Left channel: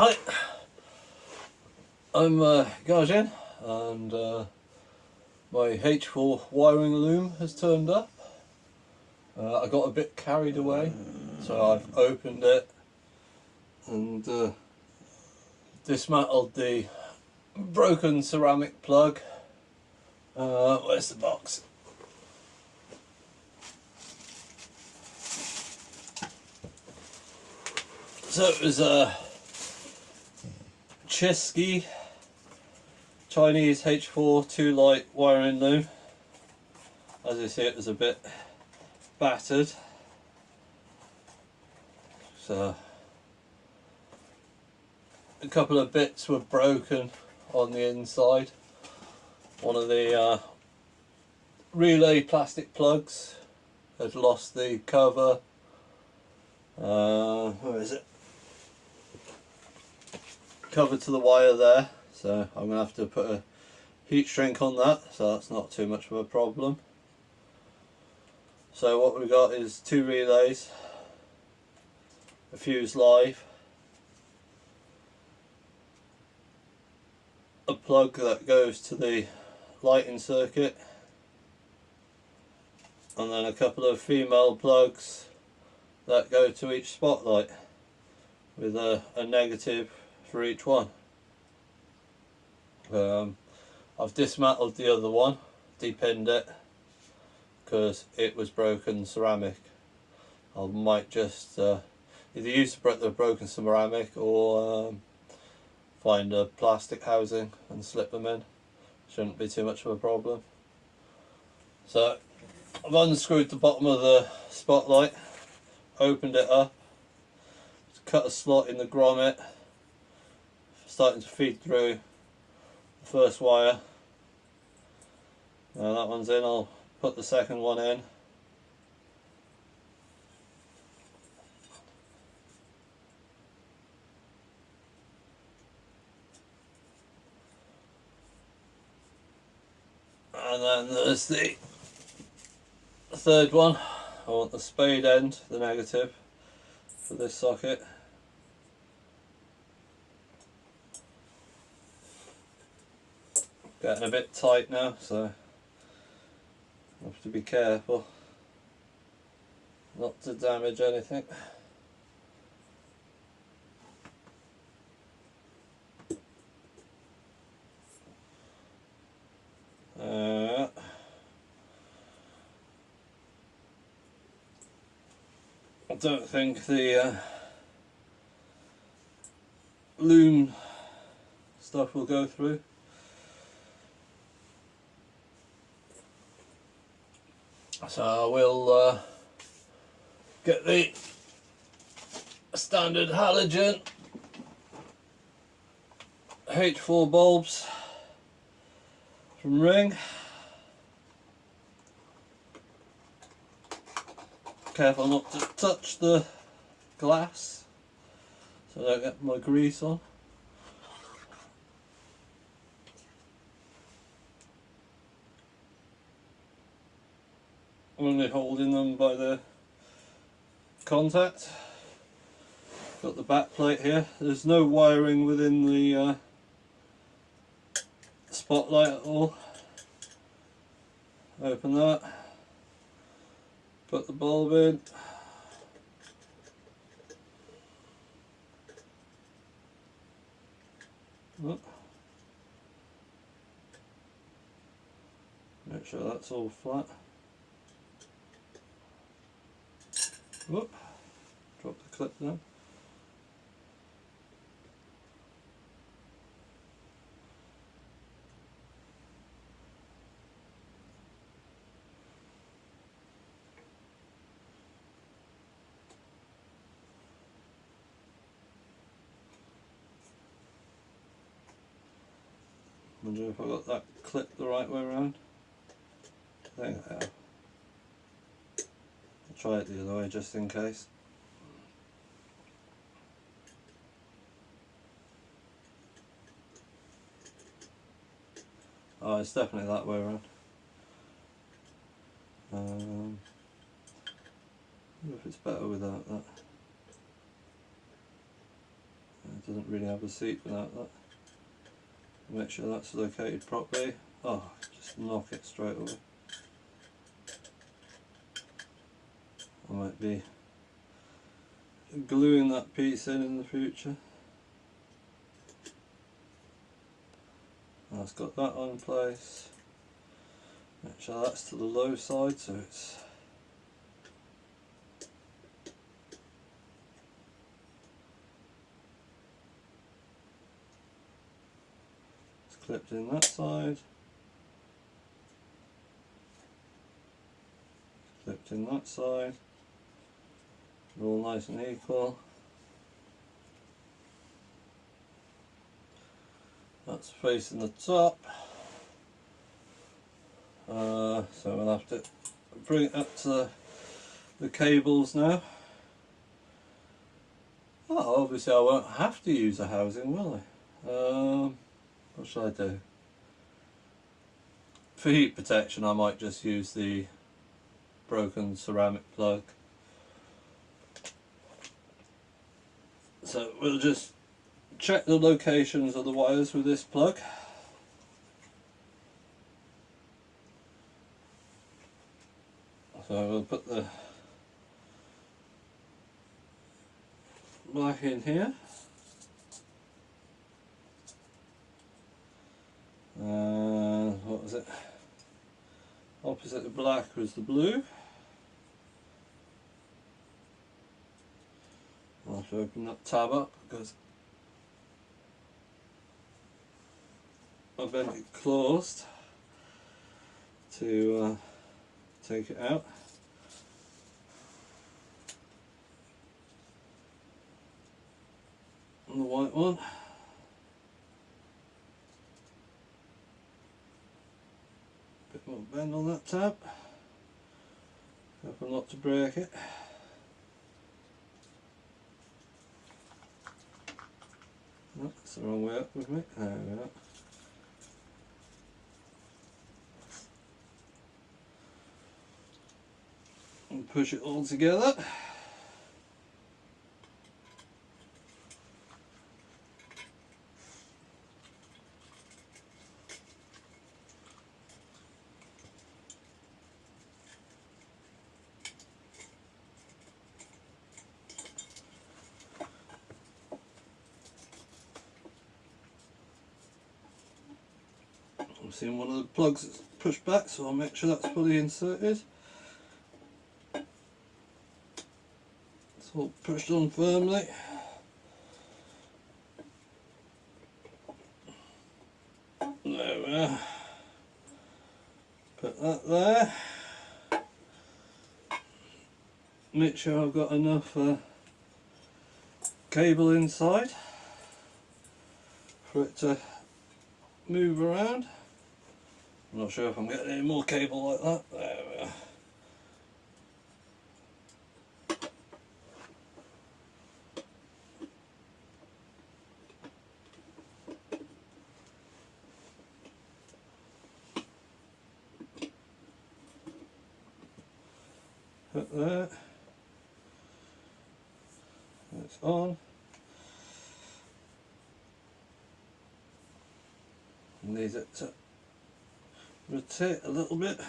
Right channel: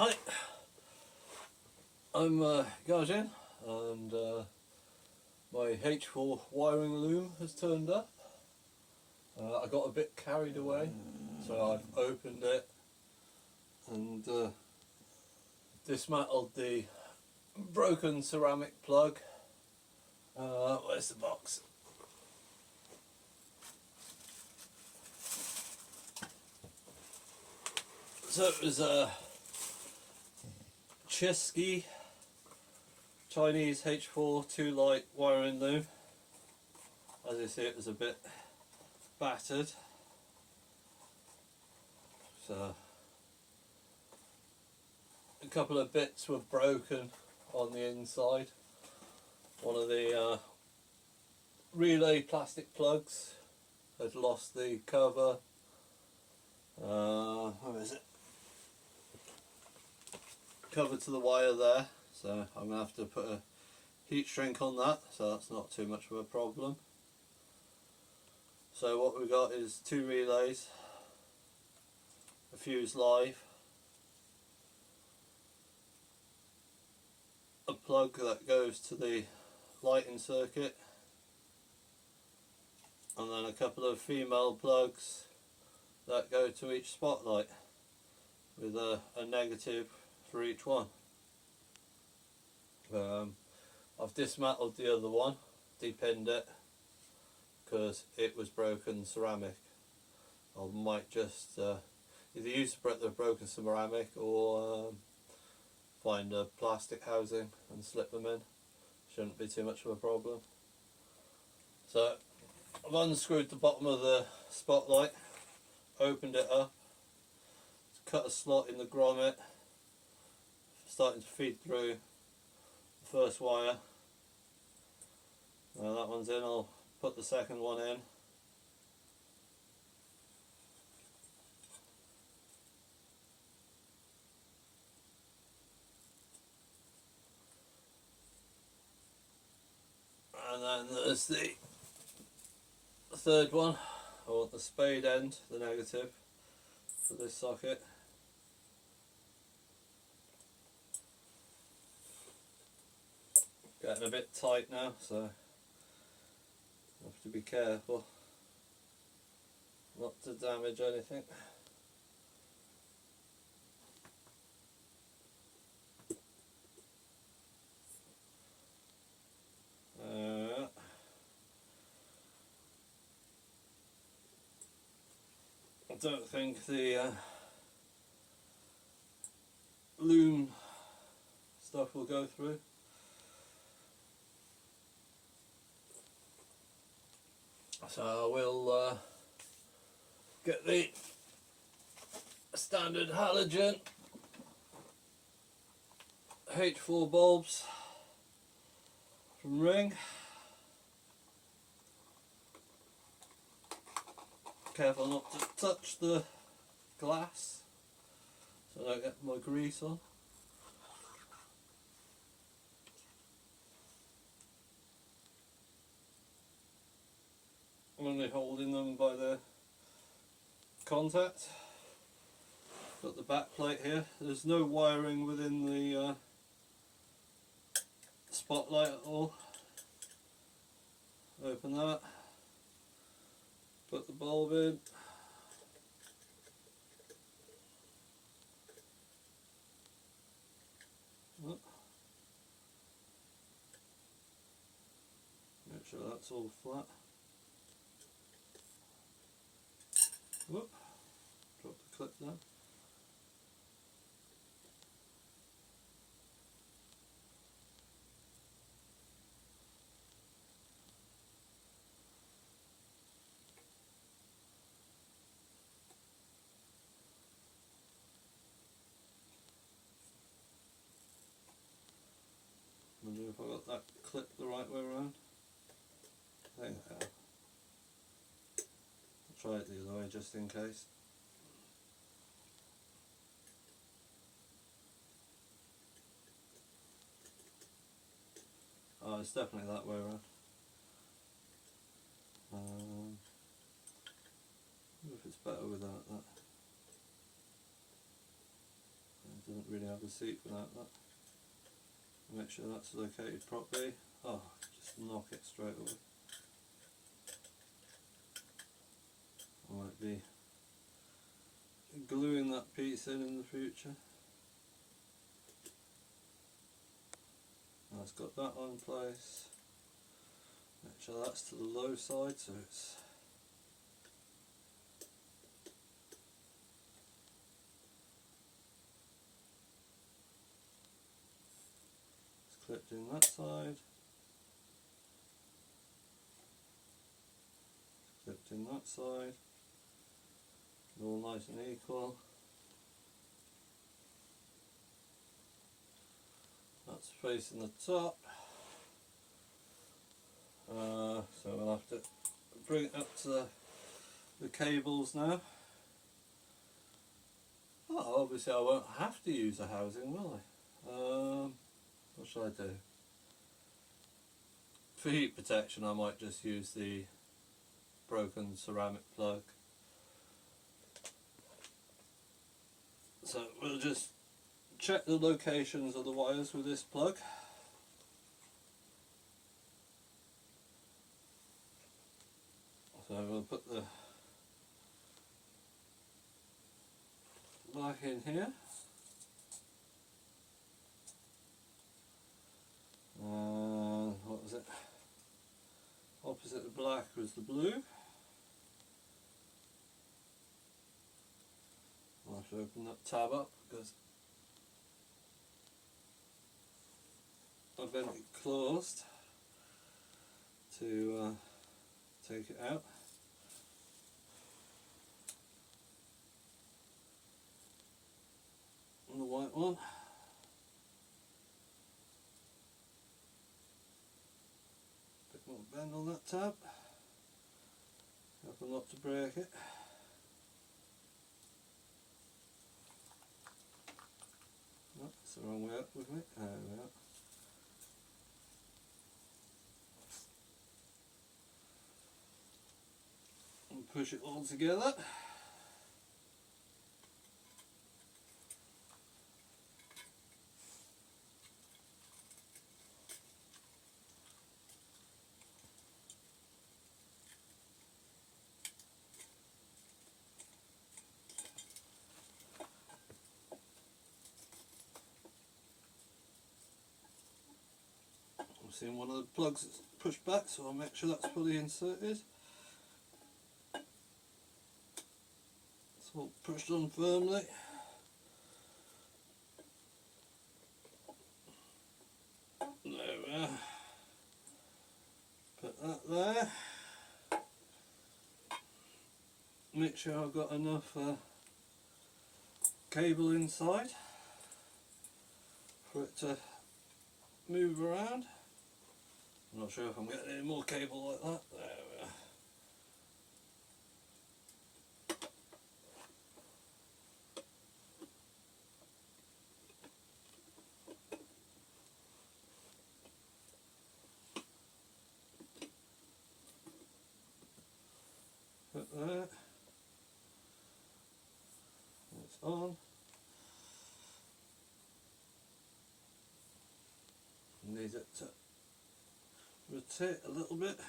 Hi, I'm Gajen, and my H4 wiring loom has turned up. I got a bit carried away, so I've opened it and dismantled the broken ceramic plug. Where's the box? So it was a Chisky Chinese H4 2-light wiring loom. As you see, it was a bit battered. So a couple of bits were broken on the inside. One of the relay plastic plugs had lost the cover. Where is it? Cover to the wire there, so I'm going to have to put a heat shrink on that, so that's not too much of a problem. So what we've got is two relays, a fuse live, a plug that goes to the lighting circuit, and then a couple of female plugs that go to each spotlight with a negative for each one. I've dismantled the other one, depinned it, because it was broken ceramic. I might just either use the broken ceramic or find a plastic housing and slip them in. Shouldn't be too much of a problem. So I've unscrewed the bottom of the spotlight, opened it up, cut a slot in the grommet, starting to feed through the first wire. Now that one's in, I'll put the second one in. And then there's the third one. I want the spade end, the negative, for this socket. Getting a bit tight now, so I have to be careful not to damage anything. I don't think the loom stuff will go through. So I will get the standard halogen H4 bulbs from Ring. Careful not to touch the glass so I don't get my grease on. I'm only holding them by the contact. Got the back plate here. There's no wiring within the spotlight at all. Open that. Put the bulb in. Make sure that's all flat. Whoop. Drop the clip down. Wonder if I got that clip the right way around. I think I have. I'll try it the other way just in case. Oh, it's definitely that way around. I wonder if it's better without that. doesn't really have a seat without that. Make sure that's located properly. Oh, just knock it straight away. I might be gluing that piece in the future. That's got that on place. Make sure that's to the low side, so it's clipped in that side, clipped in that side, they're all nice and equal. That's facing the top, so we'll have to bring it up to the cables now. Oh, obviously I won't have to use a housing, will I? What should I do? For heat protection I might just use the broken ceramic plug. So we'll just check the locations of the wires with this plug. So we'll put the black in here. What was it? Opposite the black was the blue. I'll have to open that tab up because I've been closed to take it out. And the white one. Bit more bend on that tab. Careful not to break it. No, that's the wrong way up with me. There we are. And push it all together. I'm seeing one of the plugs that's pushed back, so I'll make sure that's fully inserted. It's all pushed on firmly. There we are. Put that there. Make sure I've got enough cable inside for it to move around. I'm not sure if I'm getting any more cable like that. There we are. Put there. It's on. Need it to rotate a little bit.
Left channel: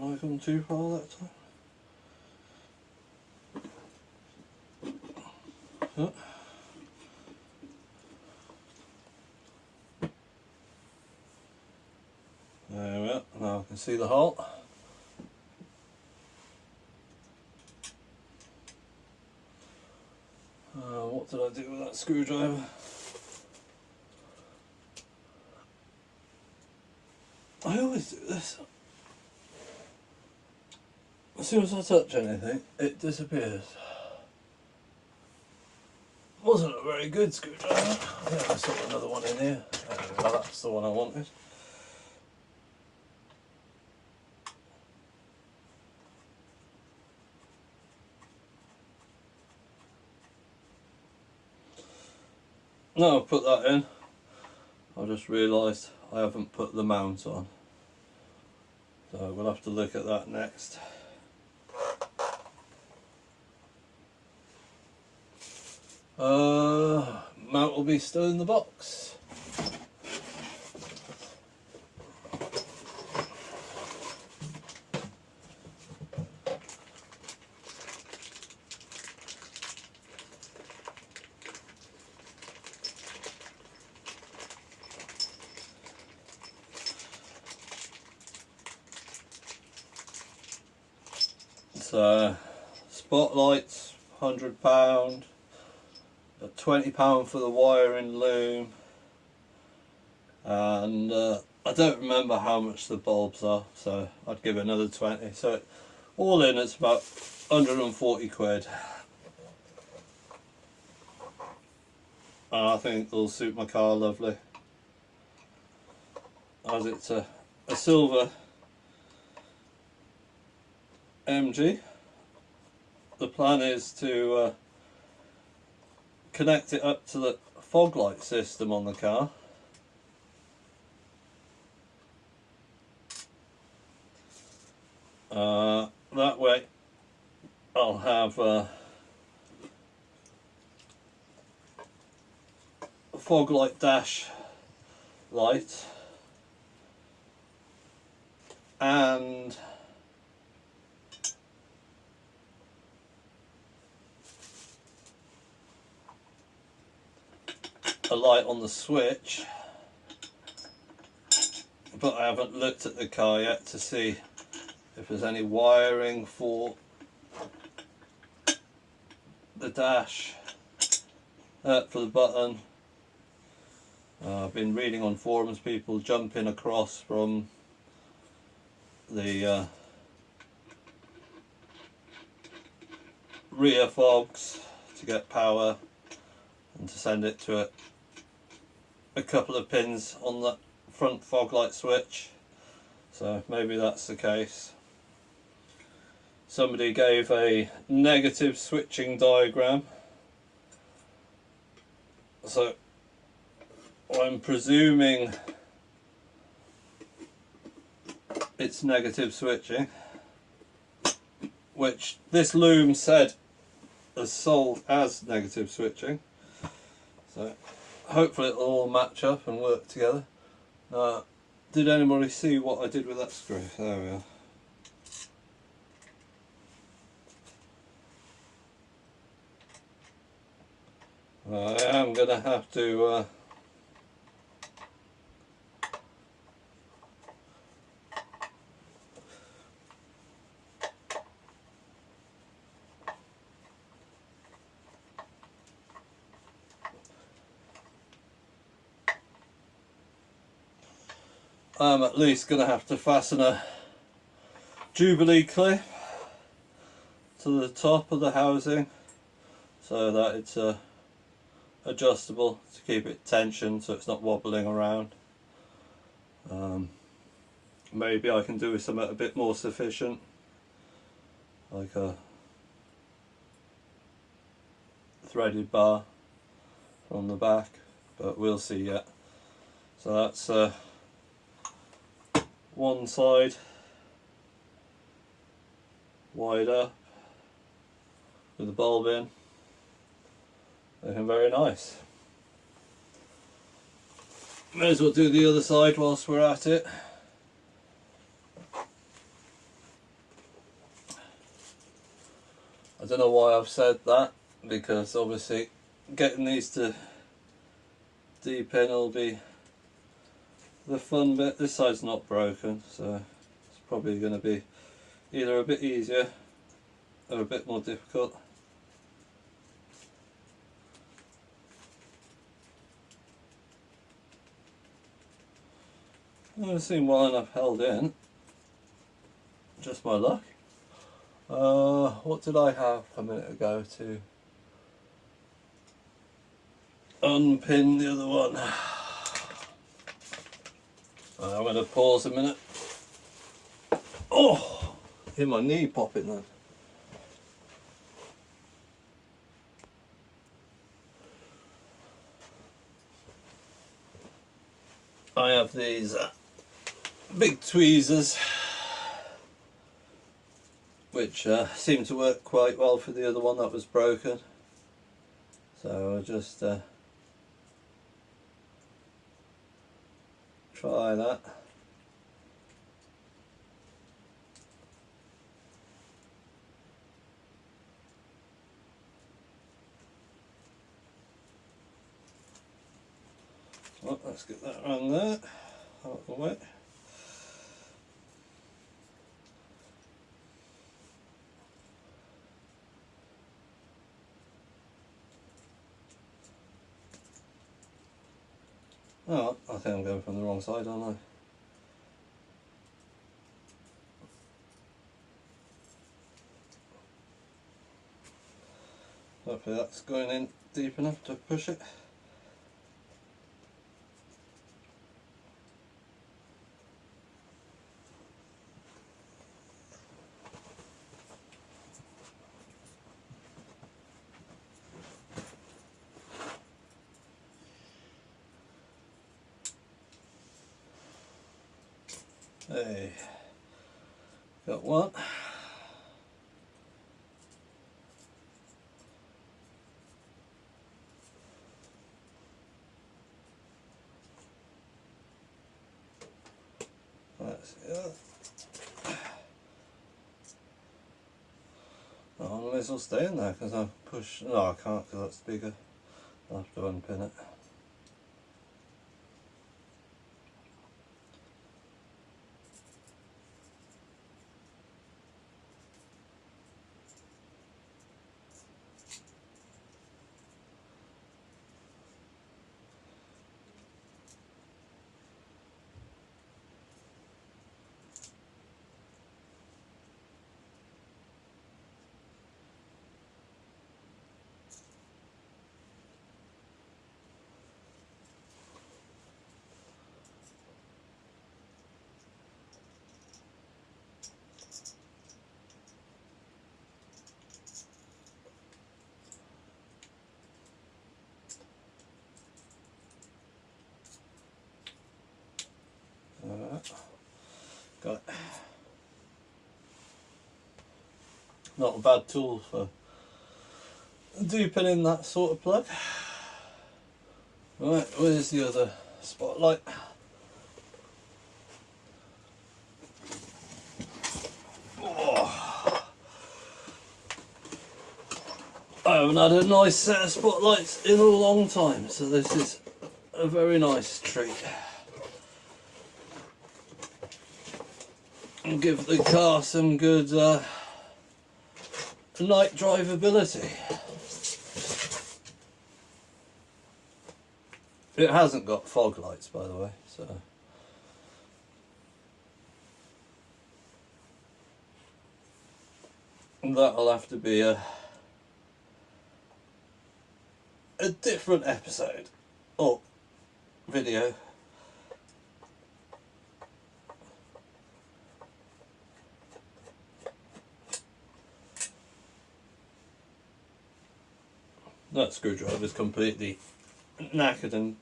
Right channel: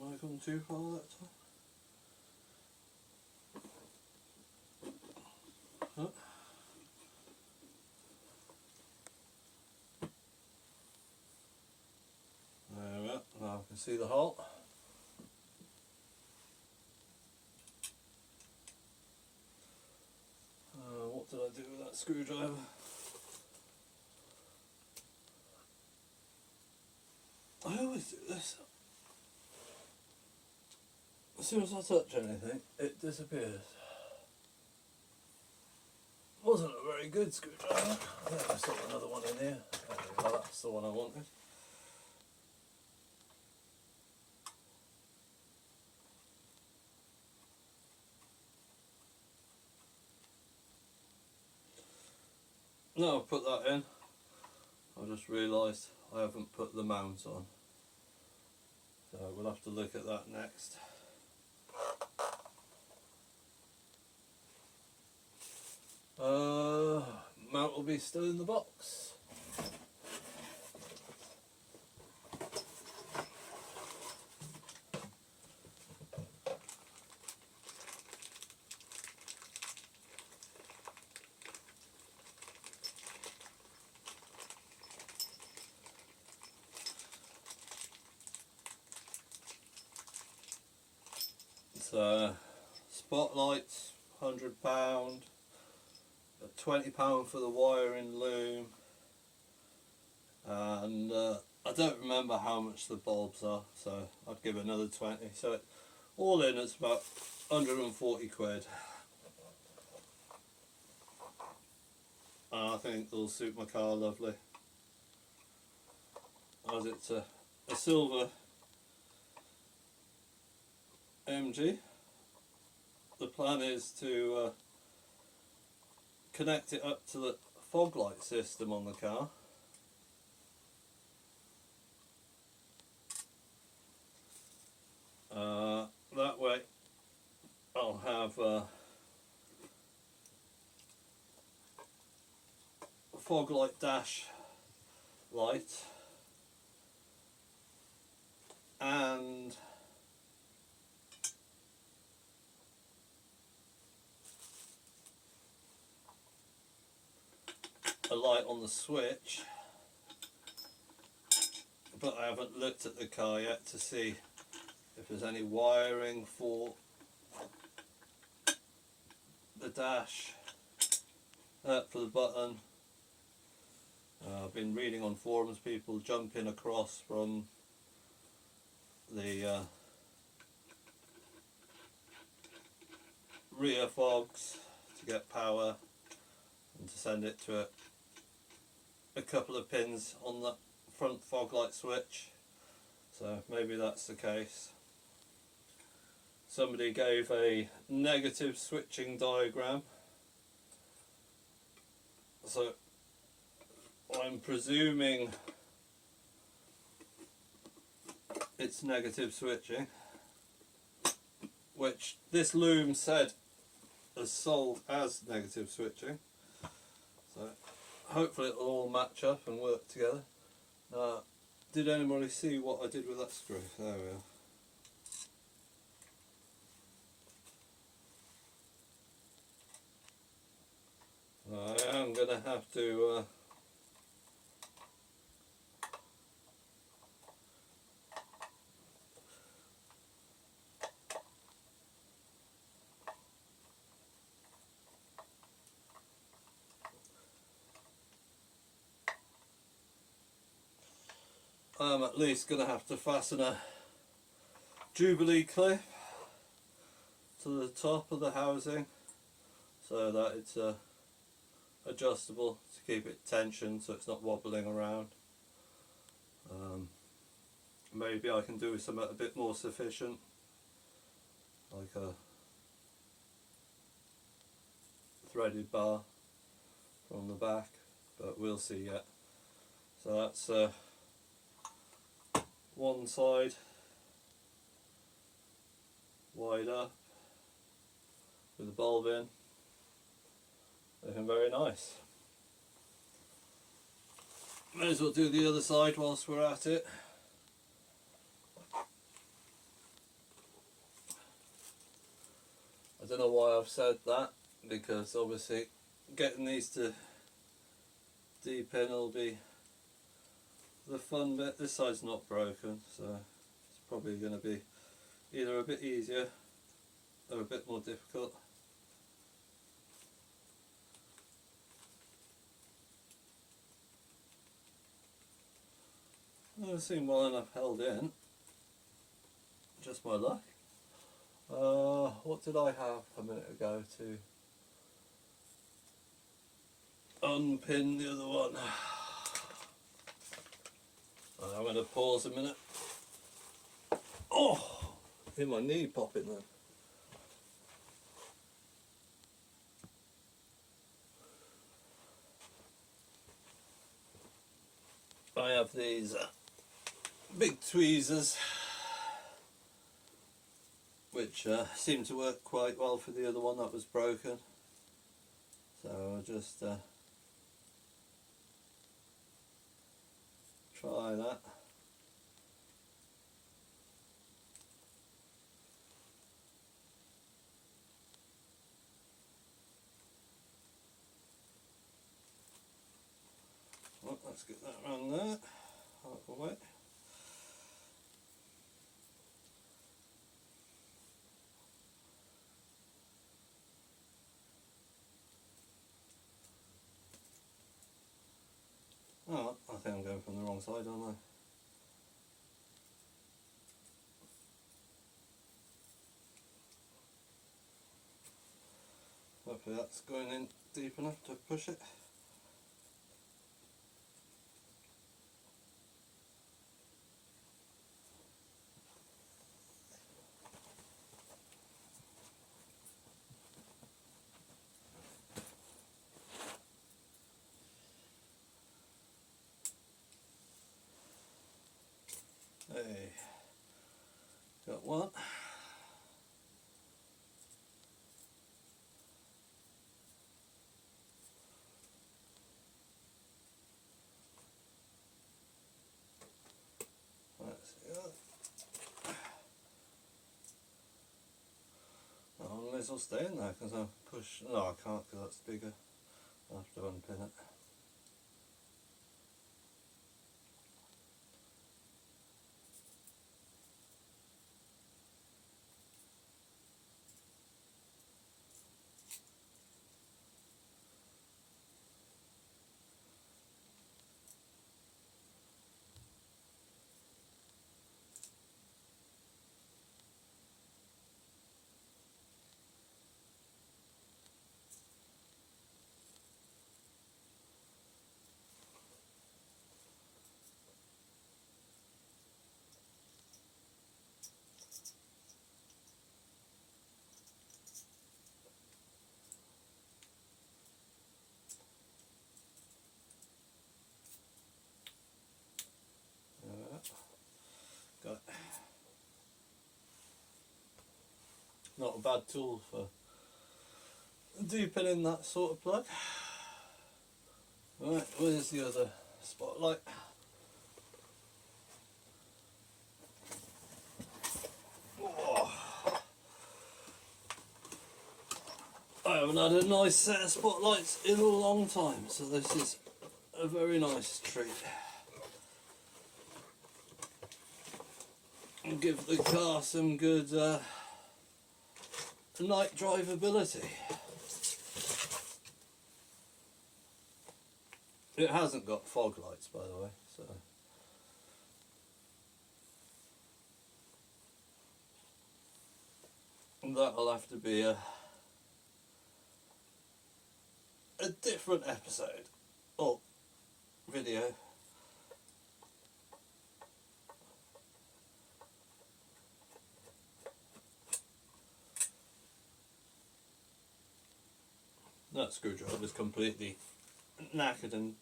Have I gone too far that time? Oh. There we are. Now I can see the hole. What did I do with that screwdriver? I always do this. As soon as I touch anything, it disappears. Wasn't a very good screwdriver. I think I saw another one in here. Well, that's the one I wanted. Now I've put that in, I just realised I haven't put the mount on. So we'll have to look at that next. Mount will be still in the box. So spotlights, £100, £20 for the wire in Loom, and I don't remember how much the bulbs are, so I'd give it another 20. So all in it's about 140 quid. And I think it'll suit my car lovely, as it's a silver MG. The plan is to connect it up to the fog light system on the car. That way I'll have a fog light dash light and a light on the switch, but I haven't looked at the car yet to see if there's any wiring for the dash, for the button. I've been reading on forums, people jumping across from the rear fogs to get power and to send it to a couple of pins on the front fog light switch, so maybe that's the case. Somebody gave a negative switching diagram, so I'm presuming it's negative switching, which this Loom said is sold as negative switching, so hopefully it'll all match up and work together. Did anybody see what I did with that screw? There we are. I am going to have to I'm at least going to have to fasten a Jubilee clip to the top of the housing so that it's adjustable to keep it tensioned so it's not wobbling around. Maybe I can do with something a bit more sufficient, like a threaded bar from the back, but we'll see yet. So that's one side wide up with the bulb in, looking very nice. May as well do the other side whilst we're at it. I don't know why I've said that, because obviously getting these to deepen will be the fun bit. This side's not broken, so it's probably going to be either a bit easier or a bit more difficult. I've seen well enough held in, just my luck. What did I have a minute ago to unpin the other one? I'm going to pause a minute. Oh, hear my knee popping then. I have these big tweezers which seem to work quite well for the other one that was broken. So I'll just try that. Well, let's get that around there, out of the way. Oh, I think I'm going from the wrong side, aren't I? Hopefully that's going in deep enough to push it. Hey, got one. Let's see that. Oh, I may as well stay in there because I push. No, I can't because that's bigger. I'll have to unpin it. Got it. Not a bad tool for duping in that sort of plug. Right, where's the other spotlight? Oh. I haven't had a nice set of spotlights in a long time, so this is a very nice treat. And give the car some good night drivability. It hasn't got fog lights, by the way, so that'll have to be a different episode or video. That screwdriver is completely knackered and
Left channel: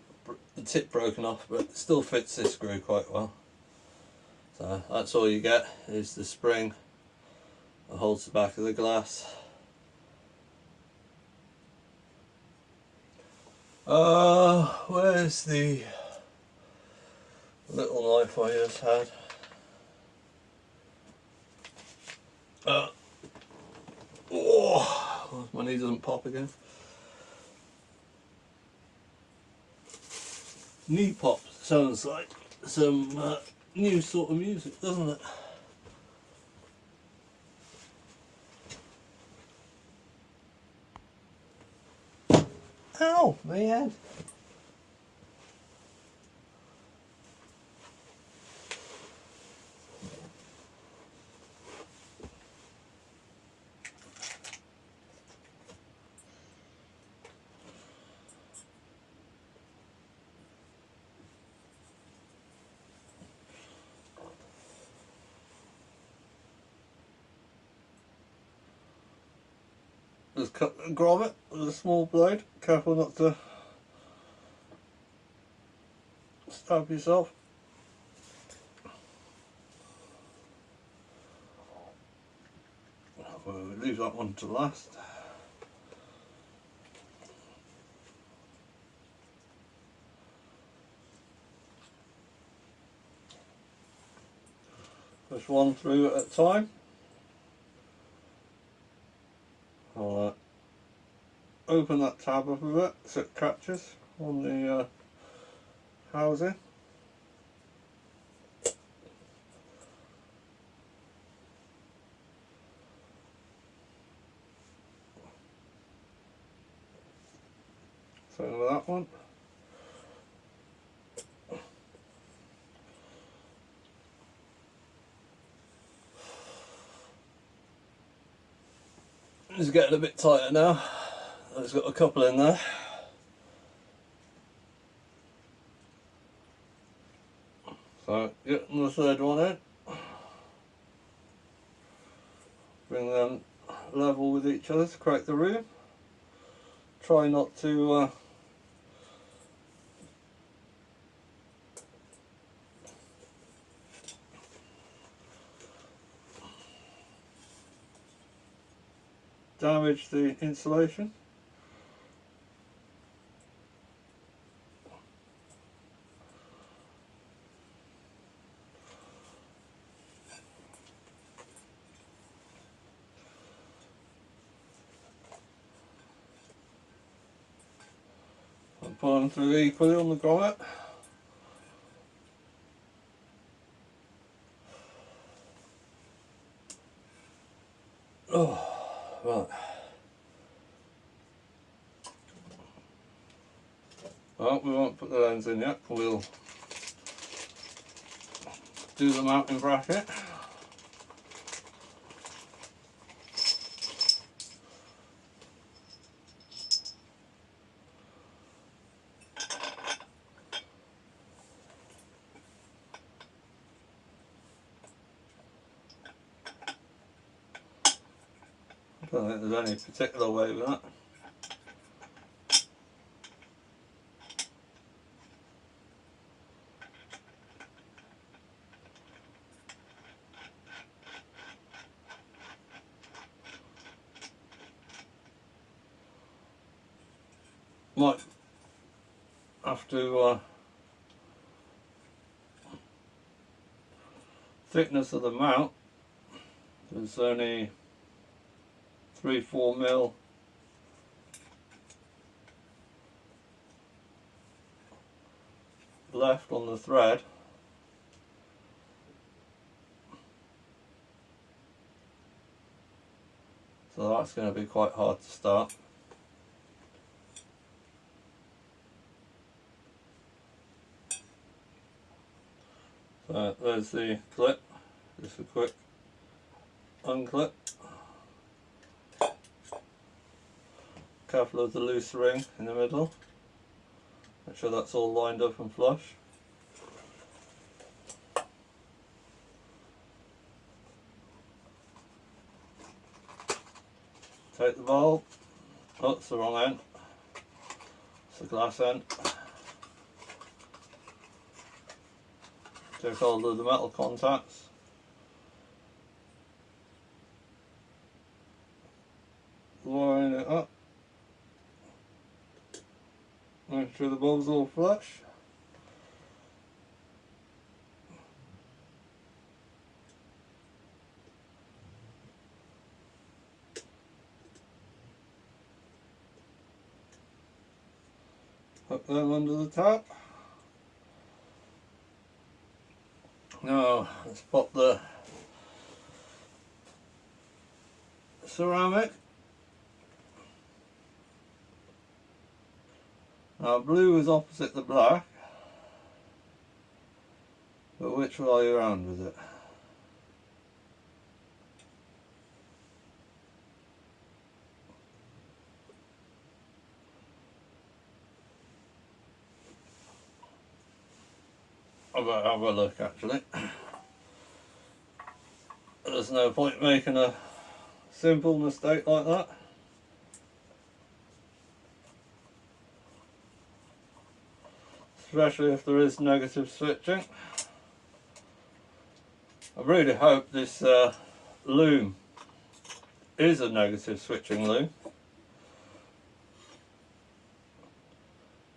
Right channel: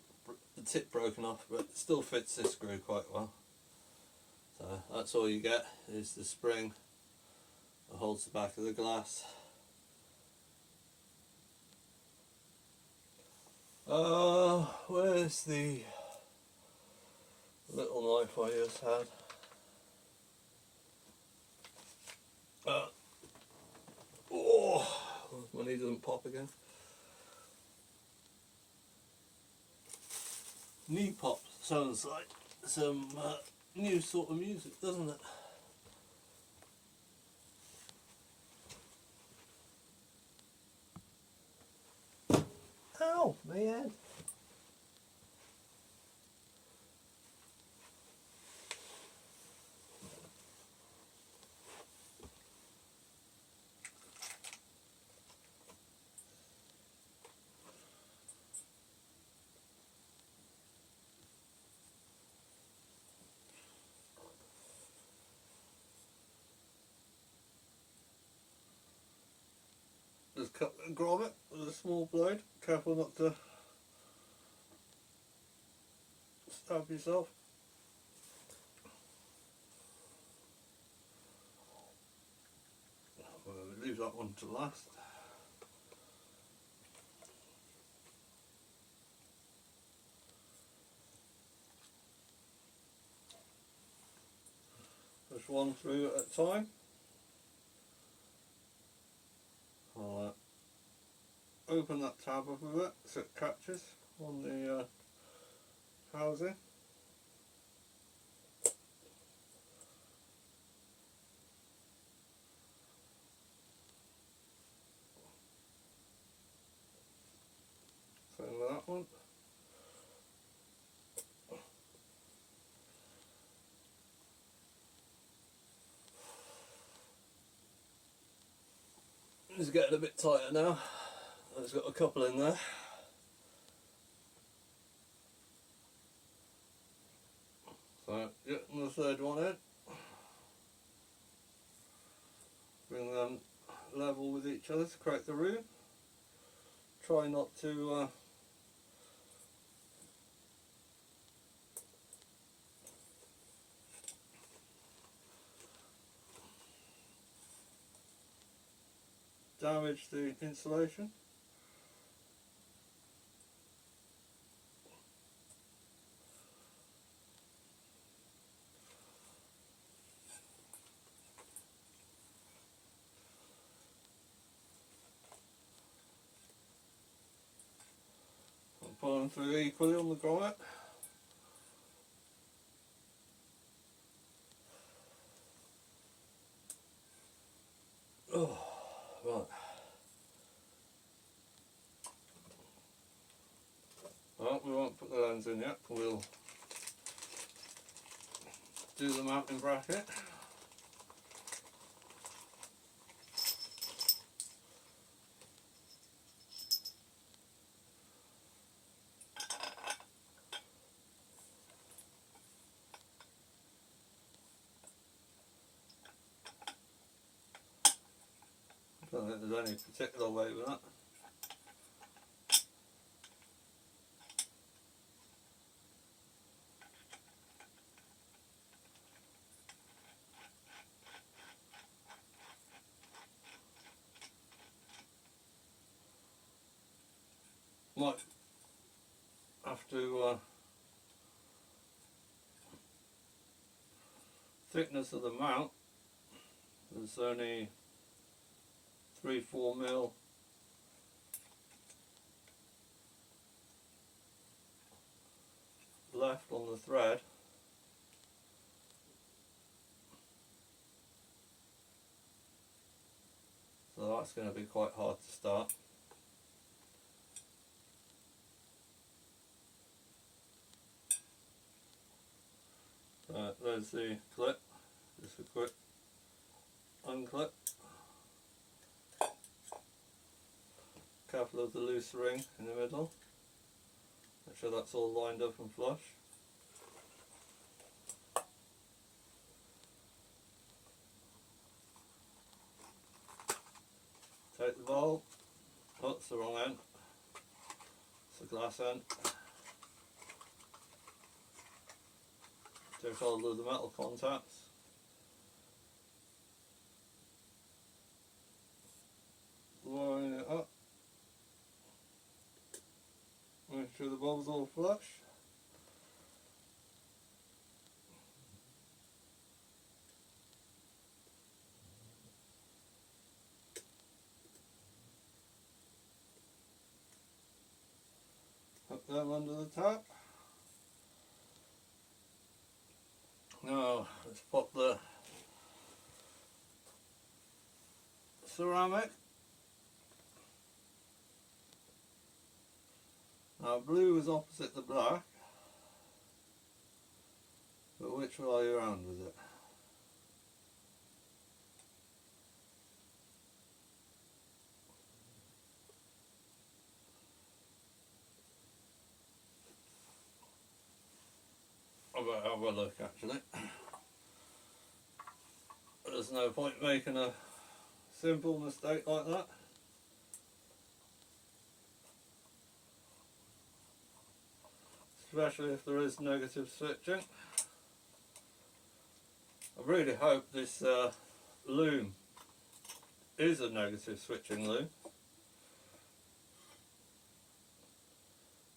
the tip broken off, but it still fits this screw quite well. So that's all you get is the spring that holds the back of the glass. Where's the little knife I just had? Oh, my knee doesn't pop again. Knee pop sounds like some new sort of music, doesn't it? Ow, my head. Just grab it with a small blade. Careful not to stab yourself. We'll leave that one to last. Push one through at a time. I'll open that tab up a bit so it catches on the housing. Same with that one. It's getting a bit tighter now. It's got a couple in there. So getting the third one in. Bring them level with each other to create the room. Try not to damage the insulation. And pull them through equally on the grommet. Oh, right. Well, we won't put the lens in yet. We'll do the mounting bracket. I don't think there's any particular way with that. Might have to thickness of the mount. There's only 3-4 mil left on the thread. So that's going to be quite hard to start. So there's the clip, just a quick unclip. Careful of the loose ring in the middle. Make sure that's all lined up and flush. Take the bulb. Oh, it's the wrong end. It's the glass end. Take hold of the metal contacts. Line it up. Make sure the bulb's all flush. Hook them under the top. Now let's pop the ceramic. Now blue is opposite the black, but which way are you around with it? I better have a look actually. There's no point making a simple mistake like that. Especially if there is negative switching. I really hope this loom is a negative switching loom.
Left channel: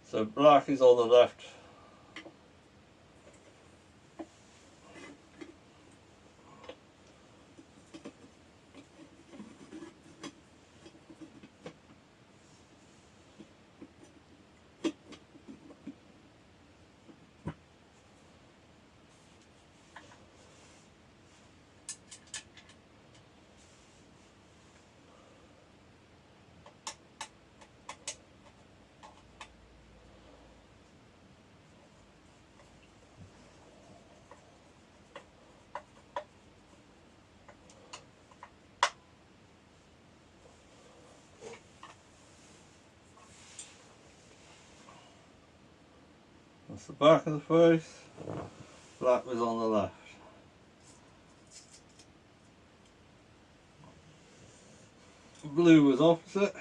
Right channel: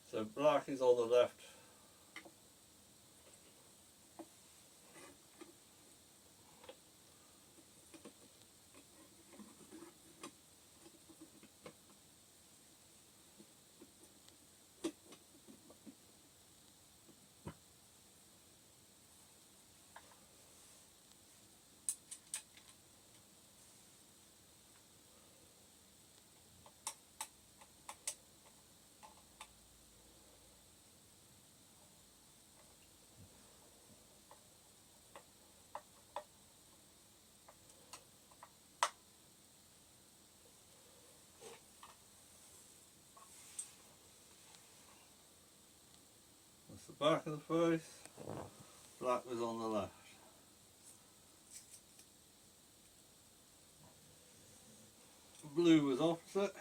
So black is on the left the back of the face, black was on the left. Blue was opposite.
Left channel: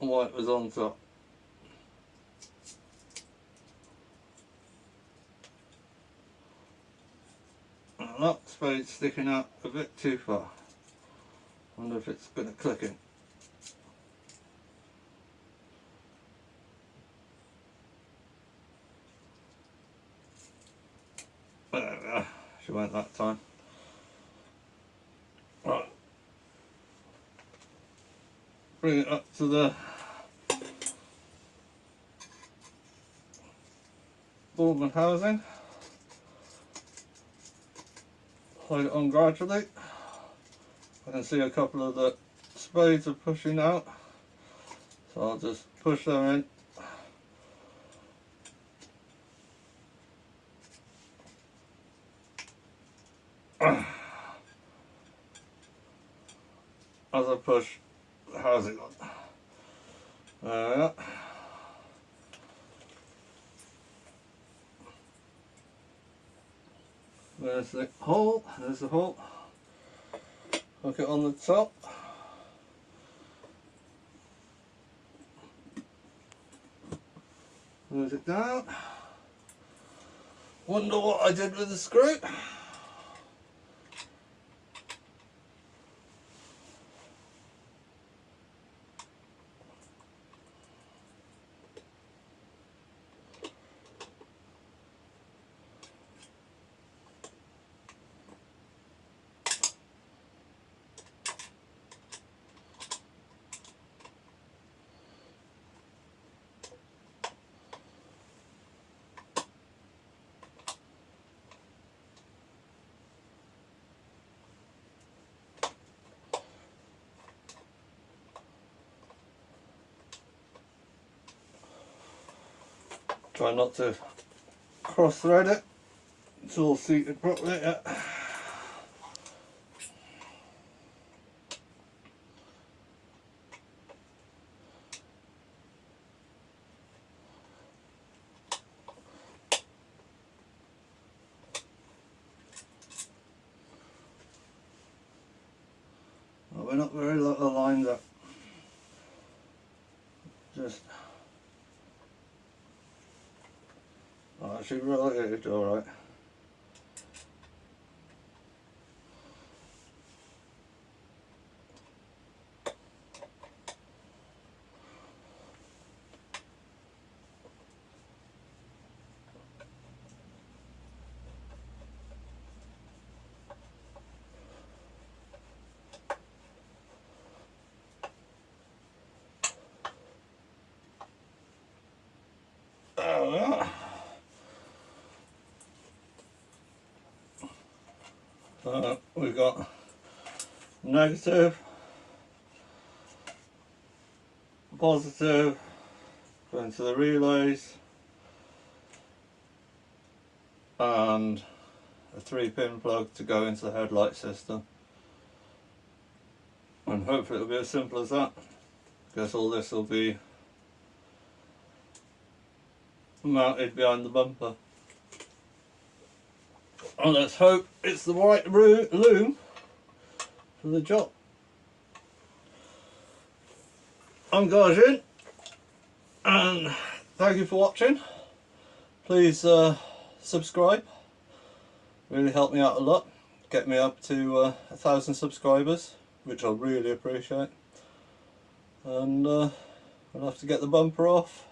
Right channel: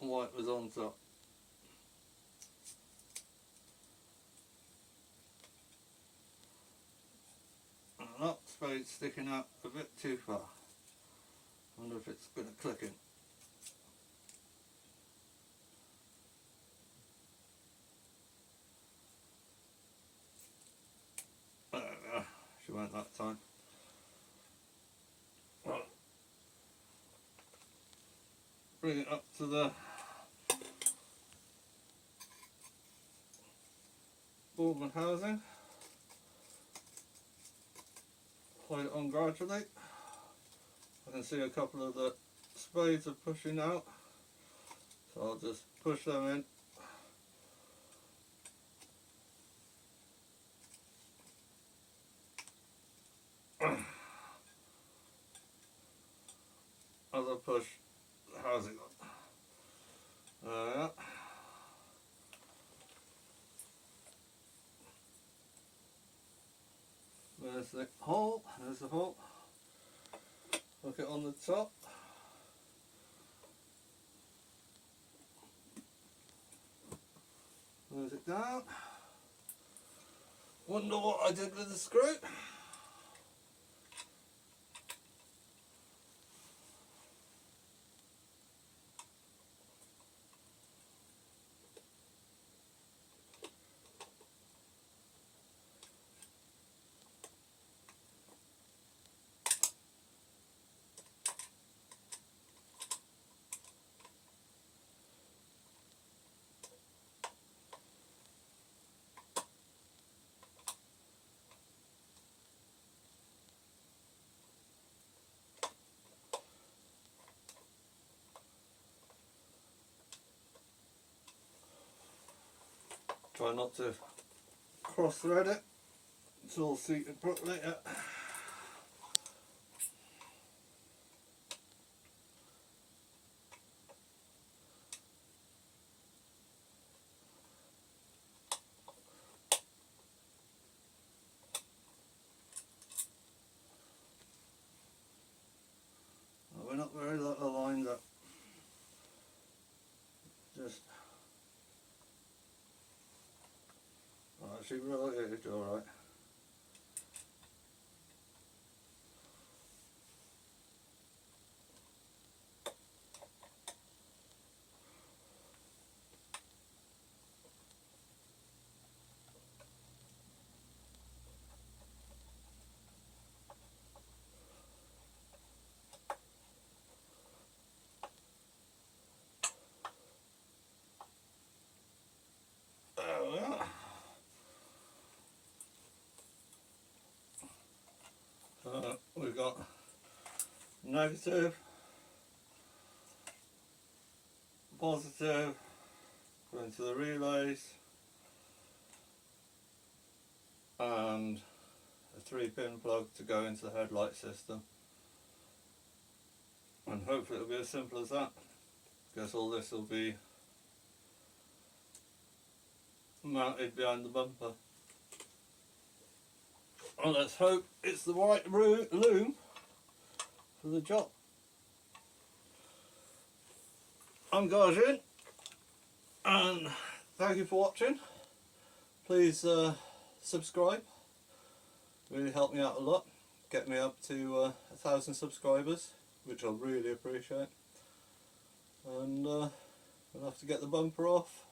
White was on top. And that spade's sticking out a bit too far. Wonder if it's going to click in. There we are. She went that time. Right. Bring it up to the Loom housing. Slide it on gradually. I can see a couple of the spades are pushing out, so I'll just push them in. As I push the housing on. There we are. There's the hole, there's the hole. Hook it on the top. Close it down. Wonder what I did with the screw. Try not to cross thread it. It's all seated properly. Yeah. Well, we're not very aligned up. Just actually related, alright. There we are. So we've got negative, positive, going to the relays, and a 3-pin plug to go into the headlight system. And hopefully it'll be as simple as that. Guess all this will be mounted behind the bumper. And let's hope it's the right loom for the job. I'm Garjin, and thank you for watching. Please subscribe, really help me out a lot. Get me up to 1,000 subscribers, which I'll really appreciate. And we'll have to get the bumper off,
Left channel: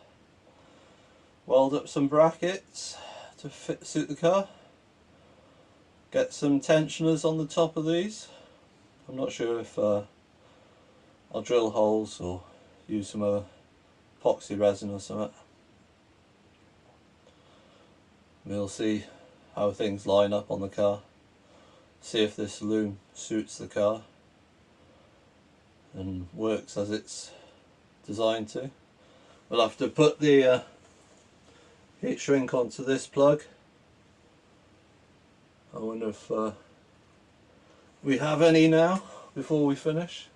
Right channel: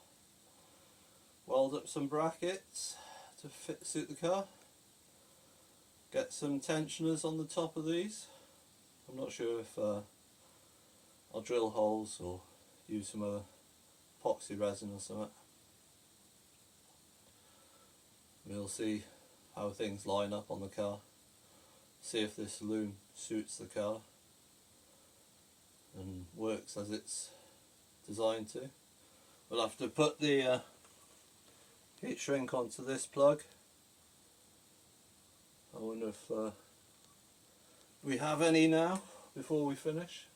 weld up some brackets to suit the car, get some tensioners on the top of these. I'm not sure if I'll drill holes or use some epoxy resin or something. We'll see how things line up on the car, see if this loom suits the car and works as it's designed to. We'll have to put the heat shrink onto this plug. I wonder if we have any now before we finish.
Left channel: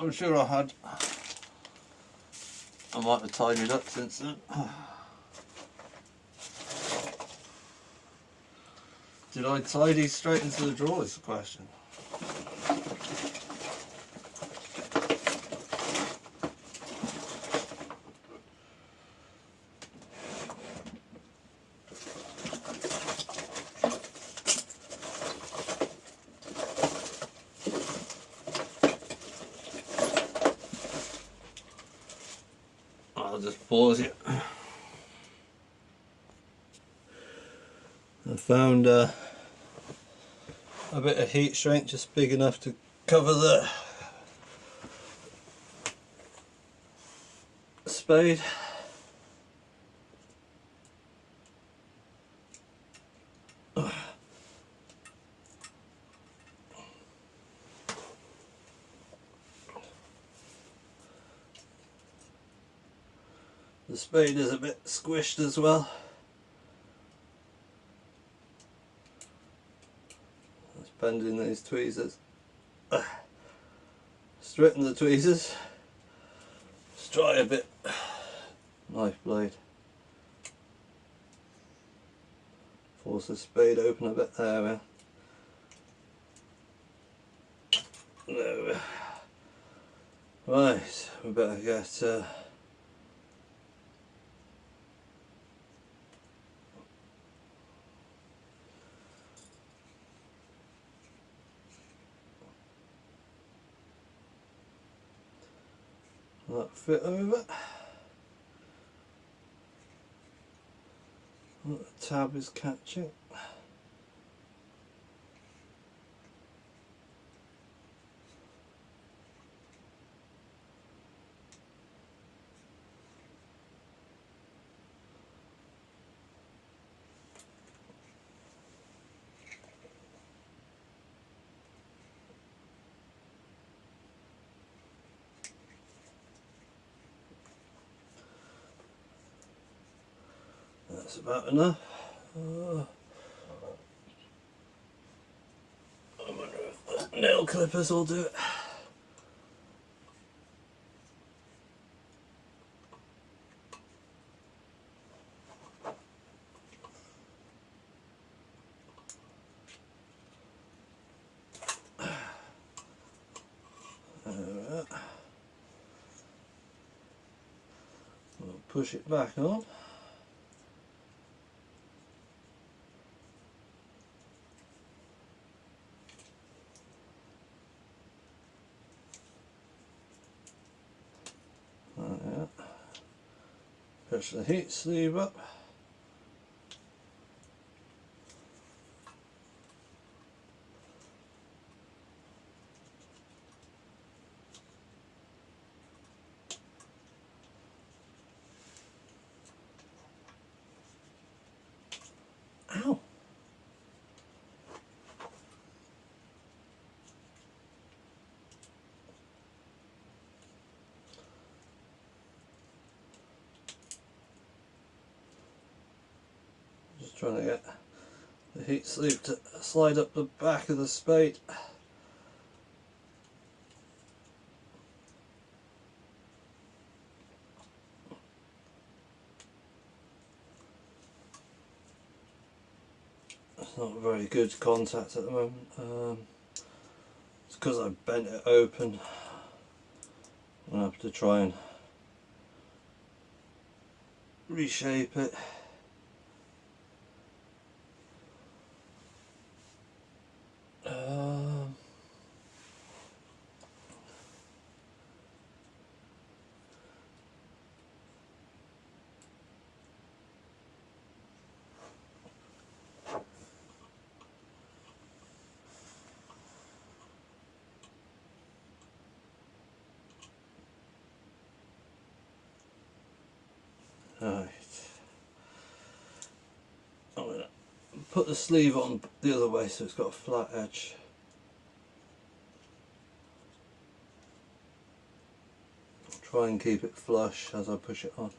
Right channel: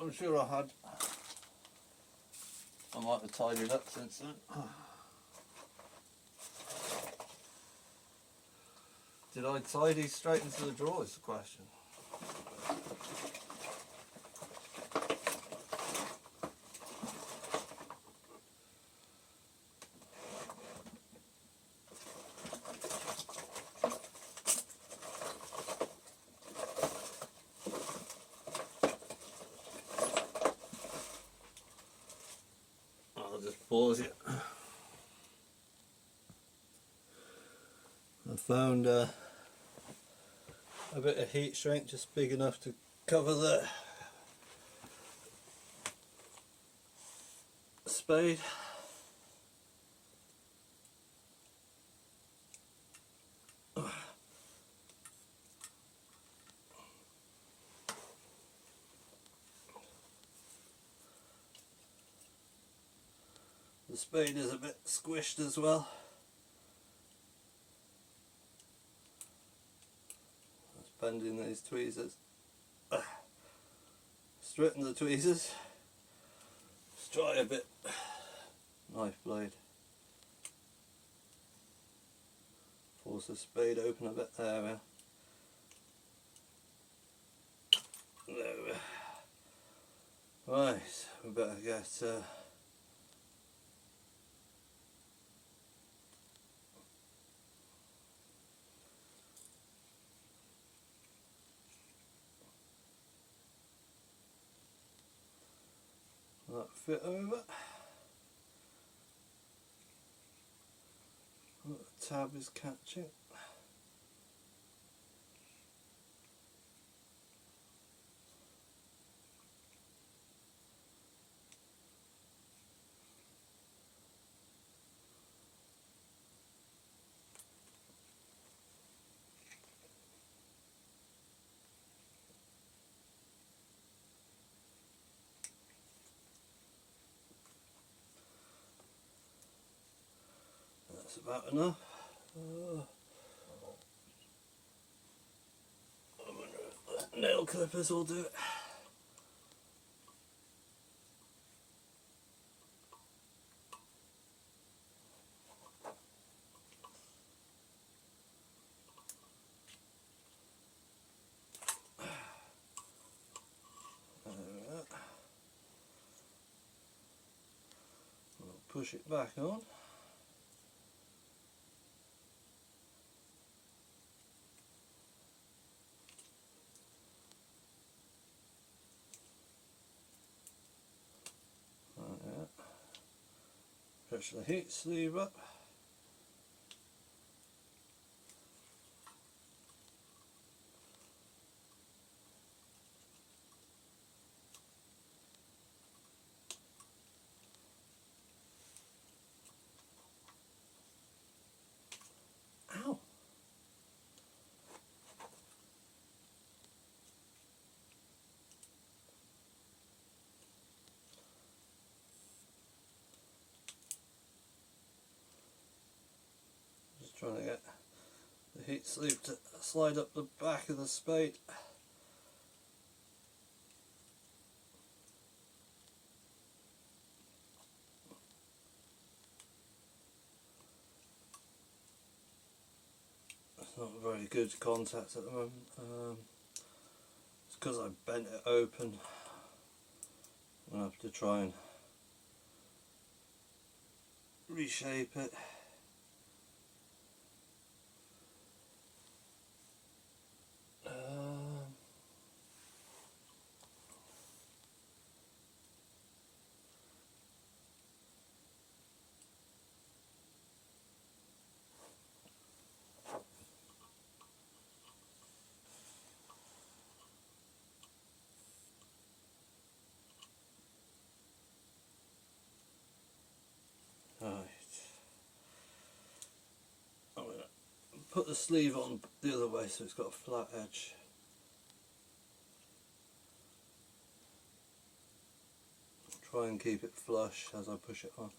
I'm sure I had. I might have tidied up since then. Did I tidy straight into the drawer is the question. I'll just pause it. I found a bit of heat shrink just big enough to cover the spade. The spade is a bit squished as well. Let's bend in these tweezers. Straighten the tweezers. Let's try a bit. Knife blade. Force the spade open a bit. There we are. There we are. Right, we better get that fit over. The tab is catching. That's about enough. I wonder if the nail clippers will do it. We'll push it back on. Push the heat sleeve up. Ow! Just trying to get the heat sleeve to slide up the back of the spade. It's not very good contact at the moment. It's because I bent it open. I'm going to have to try and reshape it. Right. I'm going to put the sleeve on the other way so it's got a flat edge. Try and keep it flush as I push it on.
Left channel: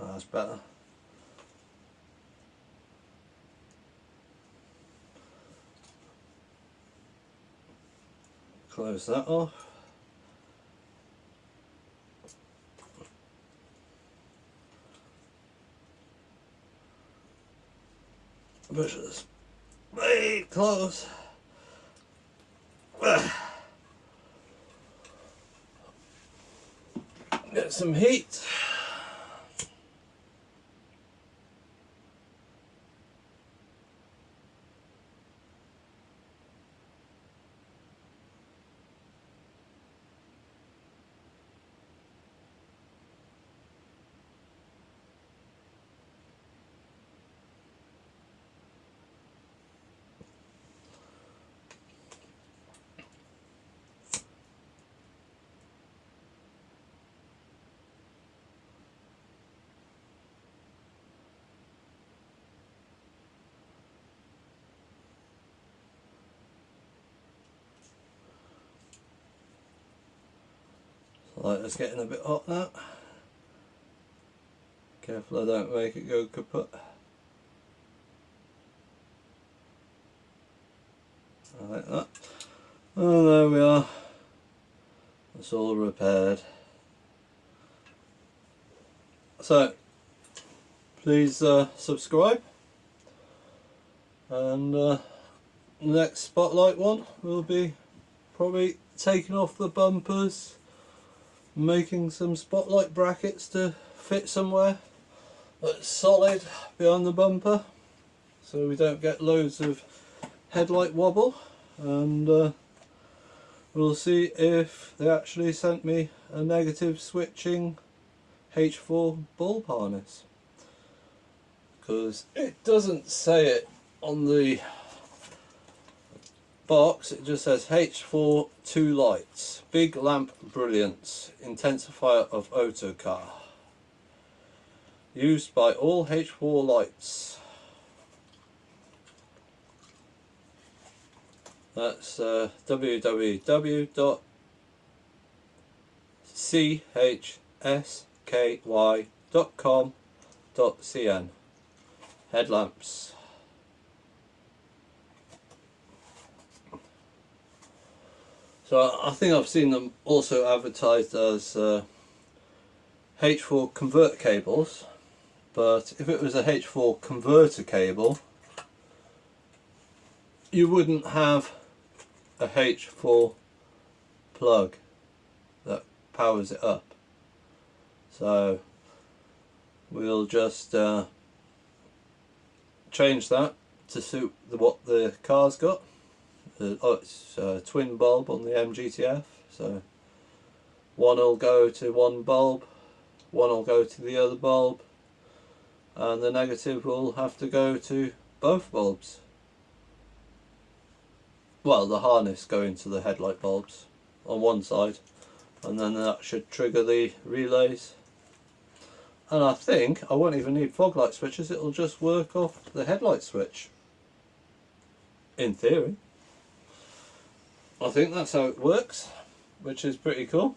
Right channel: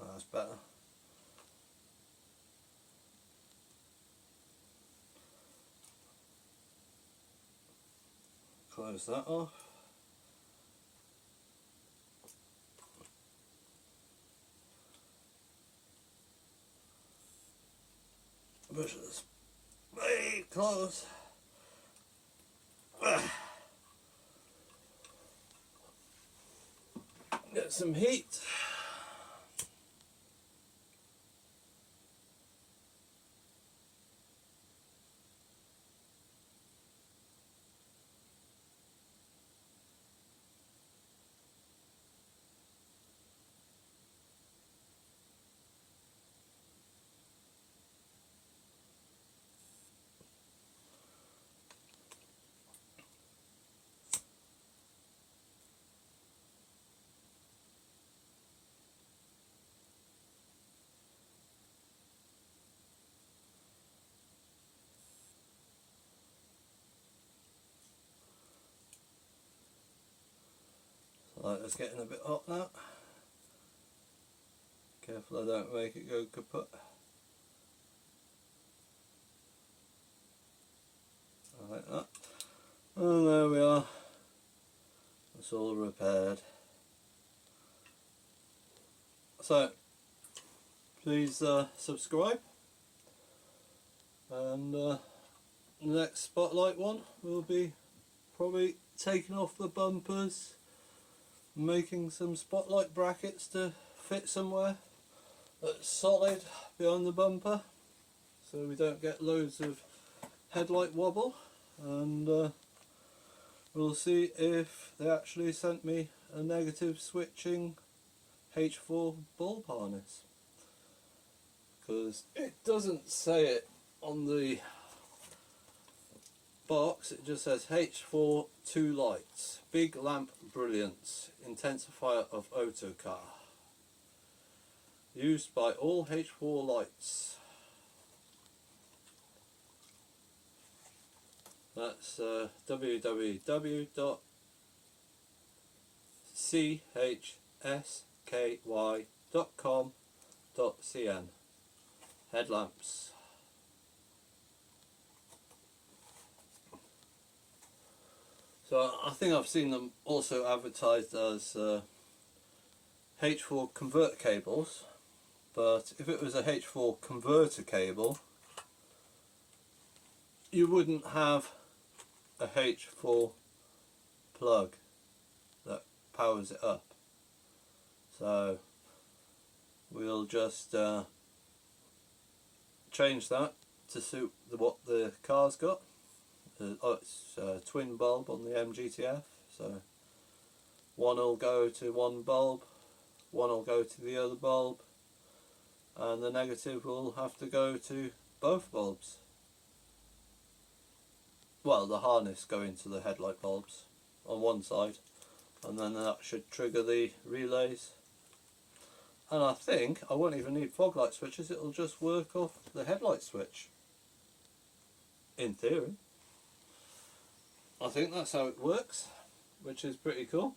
Oh, that's better. close that off. Push this way close. Get some heat. Lighter's getting a bit hot now. Careful I don't make it go kaput. Like that. Oh, there we are. It's all repaired. So, please subscribe. And the next spotlight one will be probably taking off the bumpers, making some spotlight brackets to fit somewhere that's solid behind the bumper so we don't get loads of headlight wobble, and we'll see if they actually sent me a negative switching H4 bulb harness, because it doesn't say it on the box. It just says H4 2 lights, big lamp brilliance, intensifier of autocar, used by all H4 lights. That's www.chsky.com.cn. Headlamps. So I think I've seen them also advertised as H4 converter cables, but if it was a H4 converter cable, you wouldn't have a H4 plug that powers it up. So we'll just change that to suit what the car's got. It's a twin bulb on the MGTF, so one will go to one bulb, one will go to the other bulb, and the negative will have to go to both bulbs. Well, the harness going to the headlight bulbs on one side, and then that should trigger the relays. And I think I won't even need fog light switches, it'll just work off the headlight switch. In theory. I think that's how it works, which is pretty cool.